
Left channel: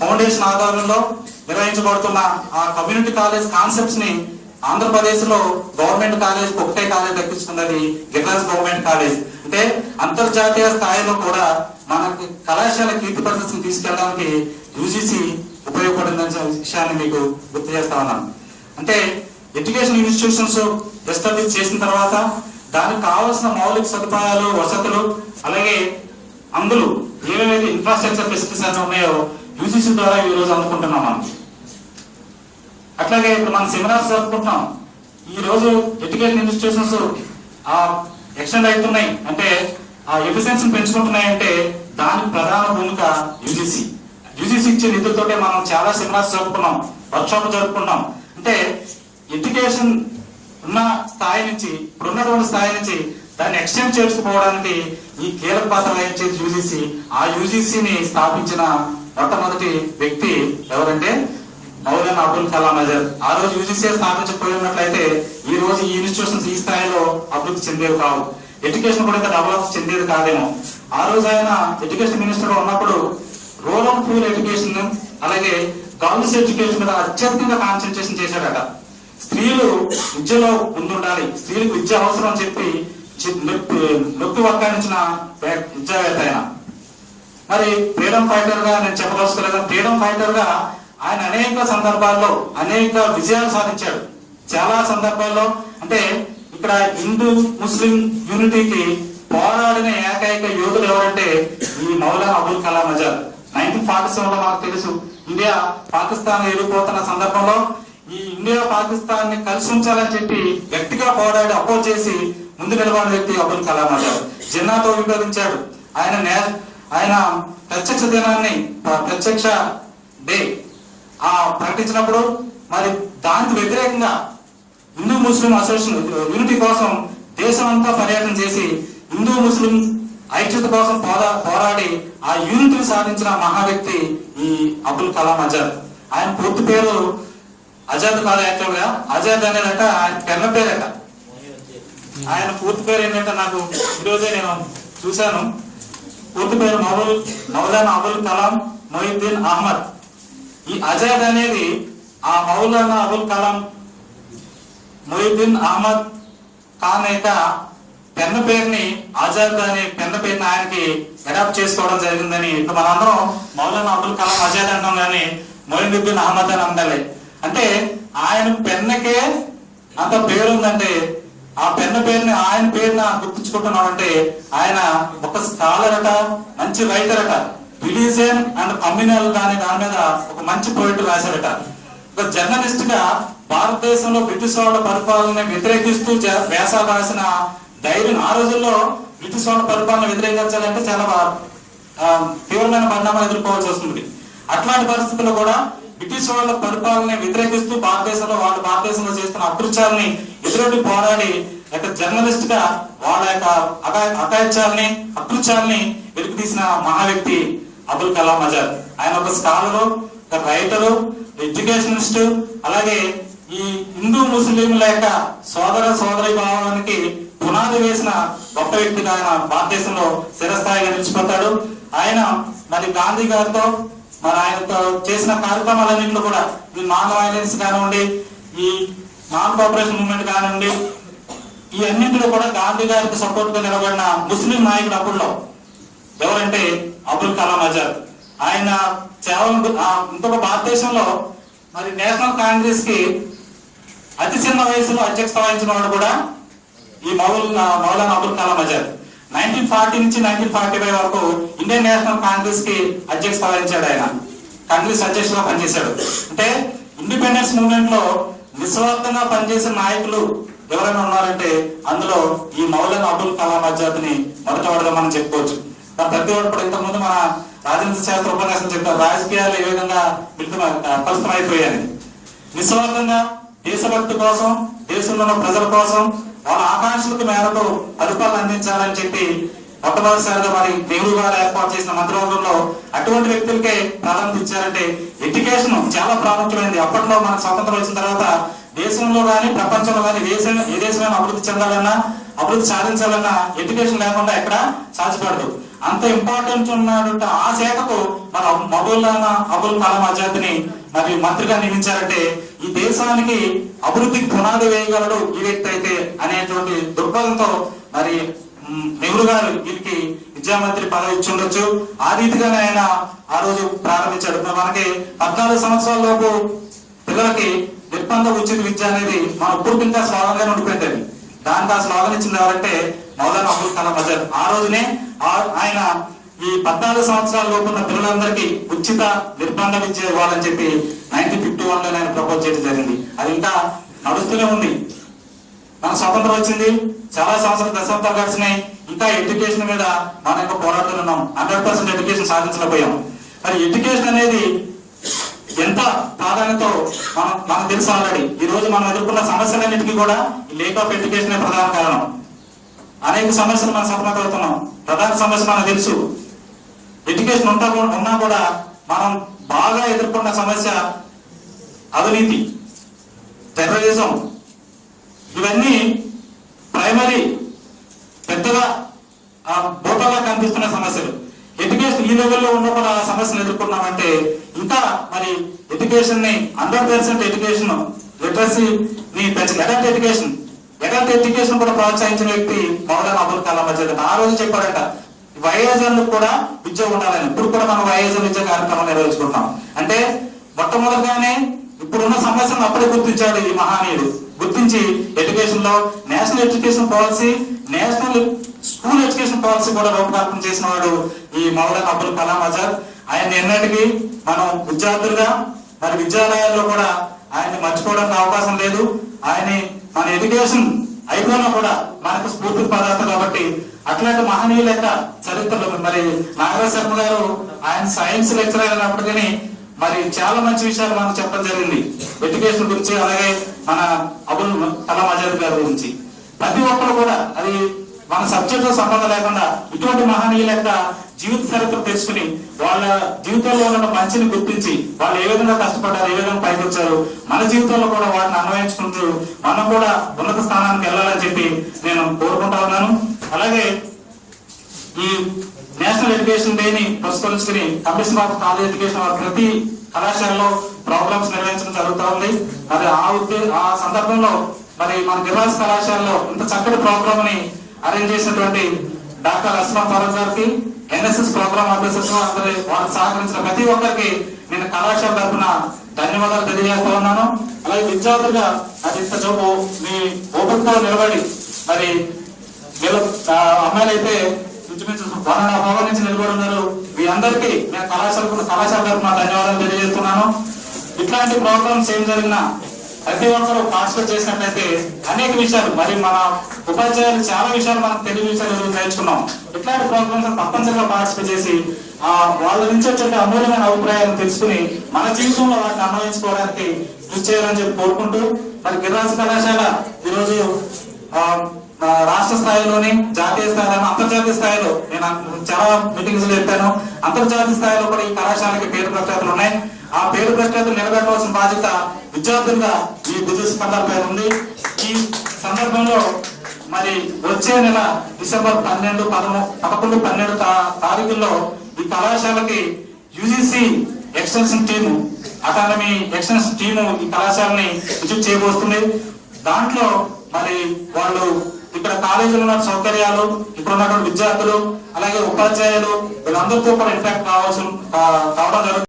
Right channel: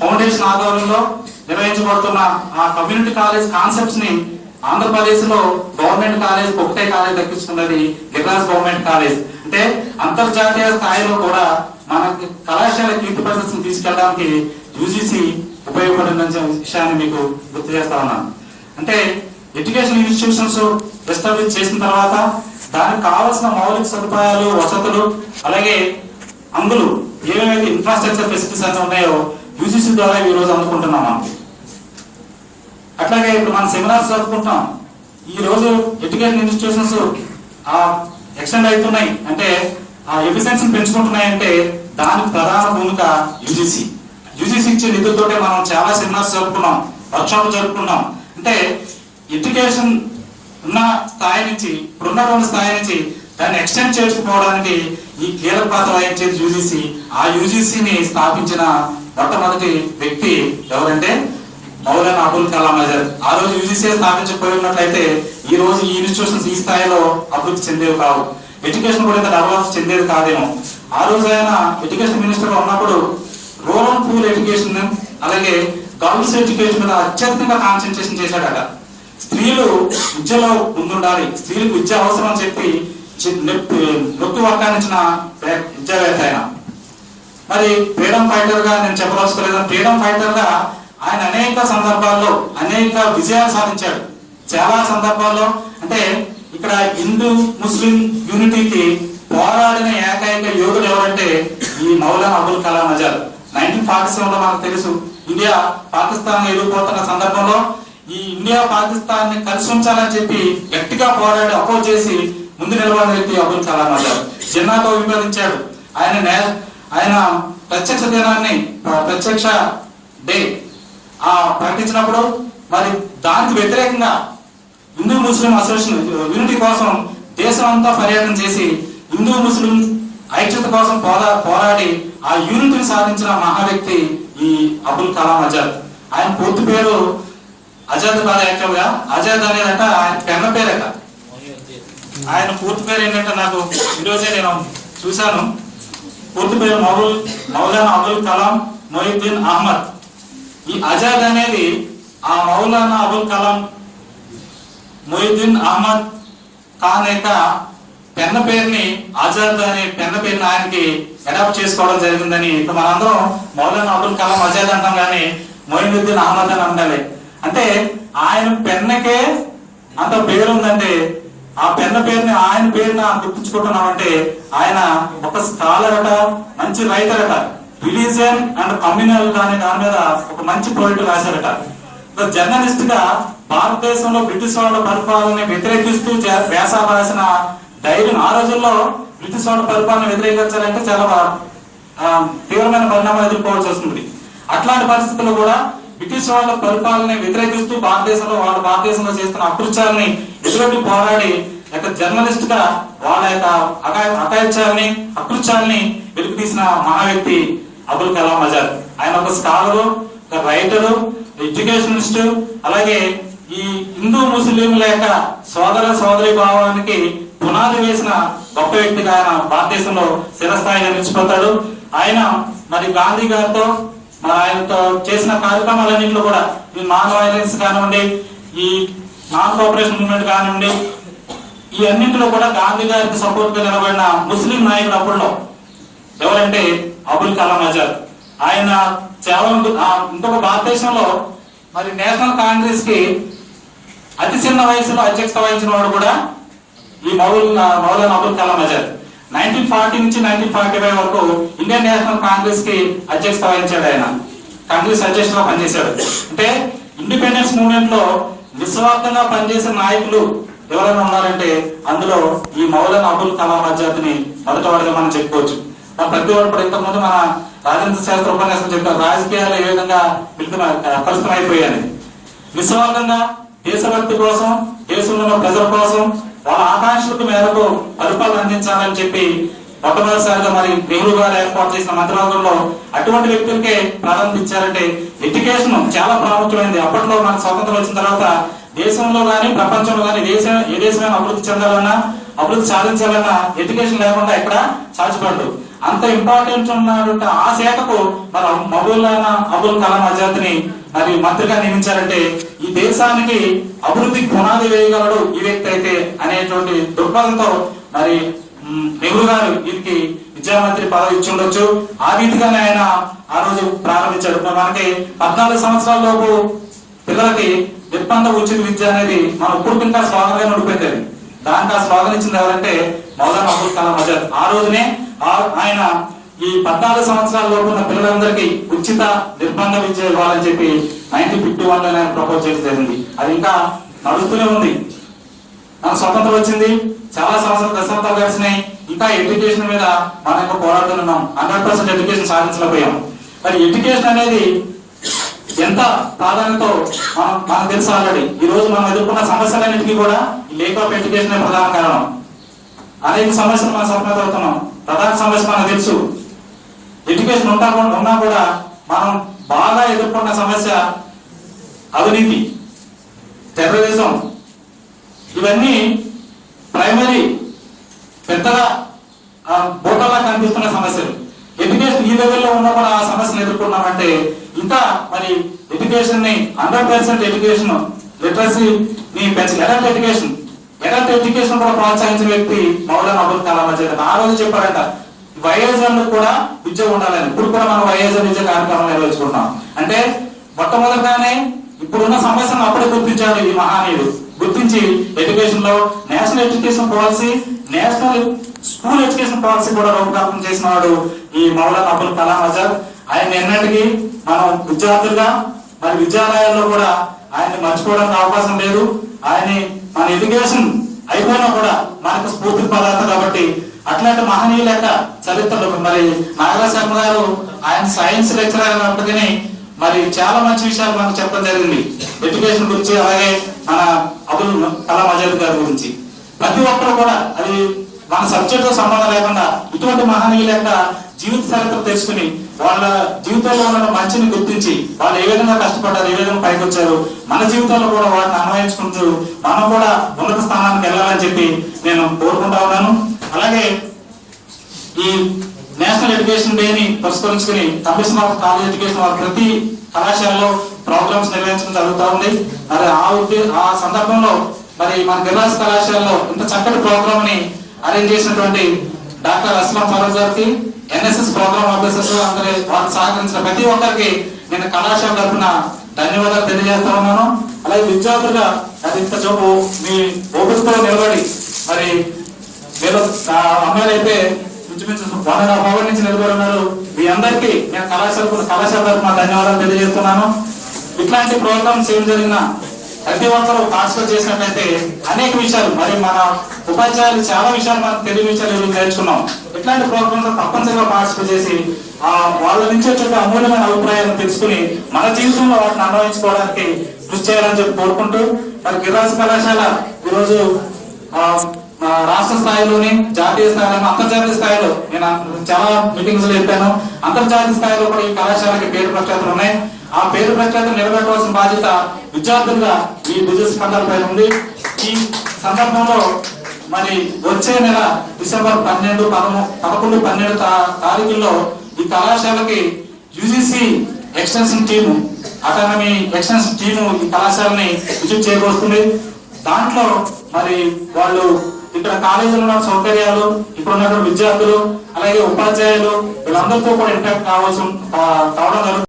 ఫౌండేషన్ ఆధ్వర్యంలో నిర్వహించబడుతున్న ఆ కమ్యూనిటీ కాలేజ్ కాన్సెప్ట్స్ ని ఆంధ్రప్రదేశ్ లో గవర్నమెంట్ కాలేజ్ ఒకటే కాలేజ్ దక్కించుకున్నది గిరిరాజ్ గవర్నమెంట్ కాలేజ్. అంటే అంతర్జాతీయ స్థాయిలో కూడా మనకి కళాశాల కీర్తి ప్రదర్శన తీసుకెళ్ళడానికి యూజీసీ ఉపయోగపడిందనే విషయాన్ని మీకు గుర్తు చేస్తా ఉన్నాను. అంటే ఎడ్యుకేషన్ ఇన్స్టిట్యూషన్స్ ఎస్టాబ్లిష్ చేసిన తర్వాత దానికి కావాల్సిన మౌలిక సదుపాయాలు, వసతులు, అలాగే అందులో ఏవైతే ఇన్ఫ్రాస్ట్రక్చర్ ఫెసిలిటీస్ అన్నీ ఉన్నాయో యూజీసీ ద్వారా ఈ రోజు అందుకుంటున్నాం మనం. అట్లాగే ఇప్పుడు మనం సెమినార్స్ జరుపుకుంటున్నాం. ఈ రోజు ఎడ్యుకేషన్ ఇన్స్టిట్యూషన్స్ ఎక్స్టెండ్ అవుతున్నాయి అంటే ఆ ఎఫిషియన్సీని పెంచుకుంటున్నాయి అంటే దానికి ప్రధాన భూమిక యూజీసీ. యూజీసీ ఇచ్చే నిధులతోటే మనం చాలా సెమినార్స్ జరుపుకున్నాం, వర్క్షాప్లు జరుపుకున్నాం. అంటే ఎడ్యుకేషన్ ఉన్న స్థాయి నుంచి ఇప్పుడున్నటువంటి స్థాయి నుంచి దాన్ని ఎక్స్టెండ్ చేసుకుపోవడానికి ఈ కీలక పాత్ర వహించేది యూజీసీ. ఆ యూజీసీని స్థాపించిన మొట్టమొదటి వ్యక్తి ఎవరంటే మౌలానా అబుల్ కలాం ఆజాద్. ఆ రోజు యూజీసీ స్థాపించకపోయి ఉన్నట్లయితే ఈ రోజు ఈ ఇన్స్టిట్యూషన్స్ ఈ స్థాయిలో అభివృద్ధి చెందేవి కావు, ఎడ్యుకేషన్ కూడా ఇంత డెవలప్ చెందేది కాదేమో. ఆ రోజు ఆయన ఎడ్యుకేషన్ మినిస్టర్ గా ఉన్నప్పుడు రూరల్ పూర్ ఎడ్యుకేషన్ అలాగే గర్ల్స్ ఎడ్యుకేషన్ మీద అత్యధికంగా కాన్సన్ట్రేషన్ చేశాడట. స్త్రీలు విద్యలో ముందుండాలి, స్త్రీలకు విద్య అవసరం అని చెప్పి నొక్కి వక్కానించిన విద్యావేత్త ఆయన. మరి ఫ్రీడమ్ ఫైటర్ గా నేను చెప్పవలసుకోలేదు, ఫ్రీడమ్ ఫైటర్ గా ఆయన అనేక సందర్భాల్లో అనేక విజయాలు సాధించాడు. చాలా సందర్భాల్లో అంటే ఇక్కడ హిందూ ముస్లిం యూనిటీకి పోరాడిన ఏకైక యోధుడు ఎవరంటే ఈ మౌలానా అబుల్ కలాం ఆజాద్. 1947లో మనకు తెలుసు ఇండియా పాకిస్తాన్ ఎదుర్కొంటున్న సందర్భంలో ఈ ఇండియా పాకిస్తాన్ ని కలిసి ఉంచాలని చెప్పి గట్టిగా పోరాడి అపోజ్ చేసి ముందు నిలబడిన వ్యక్తి అబుల్ కలాం ఆజాద్. జిన్నాతో విభేదించాడు. ఆయన ప్రత్యక్ష దినాన్ని ప్రత్యక్ష డే ప్రకటించినప్పుడు మరి దానికి వ్యతిరేకంగా హిందూ ముస్లిం అసోసియేషన్ యూనిటీ కోసం దేశం అంతా పర్యటన చేసి హిందూ ముస్లిం ఐక్యత కోసం పోరాడి ఆ యూనిటీని సాధించిన మహా వ్యక్తి ఈ అబుల్ కలాం ఆజాద్. ఆయన పూర్తి పేరు ఆజాద్ కాదు, యాక్చువల్ గా ఆజాద్ అనేదట ఆయన పెన్న పేరట. ఆయన పూర్తి పేరు ఏంటంటే నాకు ఈరోజే నేను చూశాను. పూర్తి పేరు మౌలానా అబుల్ కలాం మొయిద్దీన్ అహ్మద్. ఈ ఆజాద్ అనేది ఆ మౌలానా అబుల్ కలాం మొయిద్దీన్ అహ్మద్ ఖాన్ యొక్క పెన్న పేరుని, ఆజాద్ అనే పెన్న పేరుని ఆయనకి అడాప్ట్ చేసుకోవడం జరిగిందని. ఇప్పుడు మనందరం మౌలానా అబుల్ కలాం ఆజాద్ అంటాం కానీ మొయిద్దీన్ అహ్మద్ అని అండాలి. అంటే ఆయన పెన్నకే అంత పేరు ఉందంటే ఆ పెన్న పేరుని ఆయన పేరున గుర్తించుకుంటున్నామంటే ఆయన ఒక స్కాలర్ అట, మంచి రైటర్ అట, రిలీజియన్ అండ్ కమ్యూనల్ దాని మీద ఒక మంచి పోయిట్ రాశారట. ఒక జర్నలిస్ట్ గా భారతదేశంలో బ్రిటిష్ వాళ్ళ పరిపాలన వ్యతిరేకిస్తూ వ్యాస రాసిన ధైర్యం, ఆ రోజుల్లో బ్రిటిష్ వాళ్ళ పరిపాలన వ్యతిరేకించాలంటే చాలా తీవ్రమైన పరిణామాలు ఎదుర్కోవాల్సి వస్తుంది. అట్లాంటి పరిస్థితుల్లో కూడా బ్రిటిష్ వాళ్ళ పరిపాలన వ్యతిరేకిస్తూ భారతదేశంలో చేస్తున్న అకృత్యాలని ఎదురొడ్డి పోరాడి జర్నలిస్ట్ గా వాళ్ళ యొక్క అకాయత్యాలని అకృత్యాలని వెలుగు తీసిన మహా వ్యక్తి అబుల్ కలాం ఆజాద్. ఆయన ఒక స్కాలరు, ఒక రైటరు, ఎడ్యుకేషనిస్ట్, అలాగే ఈ హిందూ ముస్లింల యొక్క సోదరి భావానికి పునాది వేసిన గొప్ప వ్యక్తిగా ఆయన భారతదేశంలో చిరస్థాయిగా నిలిచిపోతాడు. ఆయన మరి గాంధీ గారితో మరి ఆయనతో చేసిన కార్యక్రమాలన్నింటిలో కూడా ఈ నాన్ వైలెన్స్ కానివ్వండి, ఈ నాన్ కోఆపరేషన్ మూవ్మెంట్ కానివ్వండి, ఈ అన్నింటిలో కూడా గాంధీ గారికి సపోర్ట్ గా నిలబడిన ముస్లిం నాయకుడు అప్పుడులో ఎవరంటే అబుల్ కలాం ఆజాద్. ఆయన ఇంకొక భారతదేశంలో మరి నేషనల్ కాంగ్రెస్ కి అతి చిన్న వయసులో అధ్యక్షత వహించిన వాడు కూడా ఈ మౌలానా అబుల్ కలాం ఆజాద్. 1940 నుంచి 1945 వరకు ఇండియన్ నేషనల్ కాంగ్రెస్ కి అధ్యక్షత వహించాడు. ఆయన కాంగ్రెస్ అధ్యక్షులుగా పనిచేశాడు. అంటే ఇండిపెండెన్స్ మూవ్మెంట్ లో నిస్వార్థంగా పనిచేసిన నాయకులు ఎవరైనా ఉన్నారంటే అందులో ఈ మౌలానా అబుల్ కలాం ఆజాద్ ని మొదటవాడిగా మనం చెప్పుకోవచ్చు. ప్రతి ఒక్కరు ఇంతకుముందు మన రాజేంద్ర శాస్త్ర ఉపన్యాసం చెప్తారు, రాజకీయాలు ఏ విధంగా కలుషితమైపోయాయని. నిస్వార్థంగా దేశభక్తి కోసం, దేశంలో ఉన్న ప్రజల కోసం, వాళ్ళ ఆకాంక్షలకు మేరకు పరిపాలన అందించాలని చెప్పి మొట్టమొదటిసారిగా మరి నెహ్రూ గారు ఏర్పాటు చేసిన మంత్రివర్గంలో అటువంటి వ్యక్తులకే ప్రాధాన్యత ఇచ్చారంటే ఎడ్యుకేషన్ చాలా ప్రాముఖ్యమైనది. అప్పట్లో మనకు స్వతంత్రం వచ్చిన తర్వాత దేశంలో కానీ ప్రపంచంలో కానీ ఏ దేశమైనా అభివృద్ధి చెందాలన్నా, అభివృద్ధి సాధించాలన్నా ఎడ్యుకేషన్ లేకుండా ఎక్కడ సాధ్యపడదు. అంత ఇంపార్టెంట్ ఉన్నటువంటి ఆ శాఖకు మన మౌలానా అబుల్ కలాం ఆజాద్ ని మరి మంత్రిగా నియమించారంటే ఈ దేశానికి అభివృద్ధికి పునాది వేయగలడు ఈ వ్యక్తి అయితే అనేటువంటి దృక్పథంతో మరి నెహ్రూ గారు వీరికి విద్యామంత్రి పదవి ఇచ్చి ఉండొచ్చు. ఆ రీతిగానే ఆయన ఆ రోజు ప్రారంభించాడు. మనకి 14 సంవత్సరాల లోపు పిల్లలకి నిర్బంధ ఉచిత విద్య అనేది మన ఇప్పుడు ఇంకా స్లోగన్గా ఉండిపోయింది. దానికి ఆ స్లోగన్ ఇచ్చింది ఎవరంటే మౌలానా అబుల్ కలాం ఆజాద్. ఆ రోజునే ఆయన ఈ 14 సంవత్సరాల లోపు ఉన్న పిల్లలందరికీ ఉచిత నిర్బంధ విద్య ఇవ్వాలని చెప్పి 1951 లో ఆయన ప్రపోజ్ చేయడం జరిగింది. అది ఇంకా నడుస్తూనే ఉంది. మన స్వతంత్రం వచ్చింది, చాలా దశాబ్దాలు గడిచినాయి, ఇంకా ఎడ్యుకేషన్ మీద మనం ఇంకా పోరాడుతున్నాం. 100% ఎడ్యుకేషన్ సాధించలేకపోయాం. మరి ఎడ్యుకేషన్ అనేది ఎంత ప్రాధాన్యతో మనకు తెలుసు ఆల్రెడీ. ఈ రోజు మనం ఎదుర్కొన్న సమస్యలన్నిటికీ కూడా ఈ లేక్ ఆఫ్ ఎడ్యుకేషన్ ప్రధాన కారణం. అనేక సమస్యలు మనం సతమతమవుతున్నాం. ప్రధాన సమస్య మనకు తెలుసు. ఎడ్యుకేషన్ ఉన్నా కూడా మనం బాగా ఎదుర్కొన్న సమస్య అవినీతి, టెర్రరిజం, ఇవన్నీ ప్రైమరీ పెద్దగా బోటలా కనిపిస్తున్న సమస్యలు. ఎడ్యుకేషన్ ఈ లెవెల్లో ఉన్న కూడా ఆ సమస్యను ఎదుర్కొన్నామంటే ఇంకా మరి ఎడ్యుకేషన్ ని 100% ఎడ్యుకేషన్ లిటరసీ ని పెంచాలి. అడల్ట్ ఎడ్యుకేషన్ కూడా ప్రోత్సహించిన వ్యక్తి మౌలానా అబుల్ కలాం ఆజాద్. ఆ రోజు చెప్పారంట వైఎస్ఆర్ కూడా విద్య ఉండాలని. ఇప్పుడు కూడా మనం వైఎస్ఆర్ విద్య కార్యక్రమం నిర్వహించుకుంటున్నాం. అంటే మొట్టమొదటిగానే ఇప్పుడున్న సమస్యను అప్పుడే గుర్తించాడు ఈ మహానీయుడు. గుర్తించి ఎడ్యుకేషన్ లో national education policy, national school education policy కూడా రూపకల్పన చేసిన వాడు ఈ మౌలానా అబుల్ కలాం ఆజాద్. ఆయన ఎన్నటికీ మనం విద్యార్థులుగా మరి విద్యాలయాల్లో కూడా ఆయన్ని మర్చిపోవడానికి అవకాశం లేదు. ఆయన మన ఎడ్యుకేషన్ అయిపోయినా కూడా మనకు స్ఫూర్తి పదార్థ కాబట్టి అట్లాంటి మహనీయుల యొక్క చరిత్రలు మరి నాగరాజ్ శర్మ గారు ఆయన సైన్స్ లెక్చరర్ అయినప్పటికీ మరి చాలా మంచి విషయాలు మనకు చెప్పడం జరిగింది ఎడ్యుకేషన్ గురించి, అలాగే మన అబుల్ కలాం ఆజాద్ గారి గురించి. ప్రతి ఒక్కరు కూడా అది మన సబ్జెక్ట్ తో సంబంధం లేకుండా ఇటువంటి మహనీయుల యొక్క జీవిత చరిత్ర తెలుసుకుని వాళ్ళ జీవితంలో ఉన్న మంచిని గుర్తించి వాళ్ళు ఏ విధంగా కష్టపడ్డారు, ఏ విధంగా పైకి వచ్చారు, మన జీవితంలో కూడా వాటిని అన్వయించుకుంటూ మనం కూడా ఉన్నత స్థానానికి వెళ్ళాలని చెప్పి నేను కోరుకుంటా ఉన్నాను. అలాగే ఈ నేషనల్ ఎడ్యుకేషన్ డేని పురస్కరించుకుని కమిషన్ ఆఫ్ కాలేజ్ ఎడ్యుకేషన్ వారు ప్రతి కళాశాలలో ప్రోగ్రామ్స్ నిర్వహించడం జరుగుతూ ఉంది. మరి ఆ సందర్భంలో మరి మన గిర్రాస్ కళాశాలలో ఇంత చక్కటి ప్రోగ్రామ్ ని అరేంజ్ చేసినటువంటి డాక్టర్ అస్లాం ఫరూక్ గారికి, ఎన్ఎస్ఎస్ ప్రోగ్రామ్ ఆఫీసర్స్ అందరి వారికి సహకరించిన ప్రతి ఒక్కరికి నేను కళాశాల తరఫున ధన్యవాదాలు తెలియజేస్తా ఉన్నాను. అలాగే విద్యార్థులుగా అది ఇంత జోబు మీ ఓపికతో నిలబడి మరి మీరు అమ్మాయిలు అయితే ఇంచుమించు 1.5 hours నుంచి నిలబడి ఉన్నారు. మీ అందరికీ నేను కళాశాల తరఫున ధన్యవాదాలు తెలియజేస్తున్నాను. ఇట్లాంటి ప్రోగ్రామ్స్ ఏం జరిగినా ప్రతి ఒక్కరు పార్టిసిపేట్ చేసినట్లయితే అనేక విషయాలు మరి మన ఉపాధ్యాయులు చాలా విషయాలు మనం తెలియని విషయాలు నేర్చుకున్నాం. ఇట్లాంటి ప్రోగ్రామ్స్ తప్పనిసరిగా పార్టిసిపేట్ చేసి వాళ్ళ నుంచి వచ్చే అమూల్యమైన అభిప్రాయాలను తెలుసుకుని మన జీవితంలో వాటిని అన్వయించుకోవడానికి కృషి చేయాలని చెప్పి కోరుకుంటూ మరి గిర్రాస్ కళాశాల ఈరోజు రాష్ట్ర స్థాయిలోని, జాతీయ స్థాయిలో, అంతర్జాతీయ స్థాయిలో నేను చాలా మీటింగ్స్ లో చెప్పాను. అంతర్జాతీయ స్థాయిలో కూడా ఈ కళాశాలకి పేరు ప్రఖ్యాతులు ఉన్నాయి. ఆ పేరు ప్రఖ్యాతులు నిలబెట్టవలసిన బాధ్యత విద్యార్థులుగా ఈ బిజినెస్ కండలపై ఉంది. ఈ సందర్భంలో మరి వచ్చే నెల డిసెంబర్ 12, 11, 12 తారీఖుల్లో ఈ కళాశాలకి UGC extension team, academy extension team ఈ కళాశాలని విజిట్ చేయబోతుంది. దాంట్లో మరి వాళ్ళు ఇక్కడ కాలేజీలో ఉన్న సౌకర్యాలు, ఇక్కడ ఉన్న విద్యార్థులు, అలాగే ఉపాధ్యాయులు వీళ్ళందరితో కూడా ఇంటాక్ట్ కావడం జరుగుతుంది.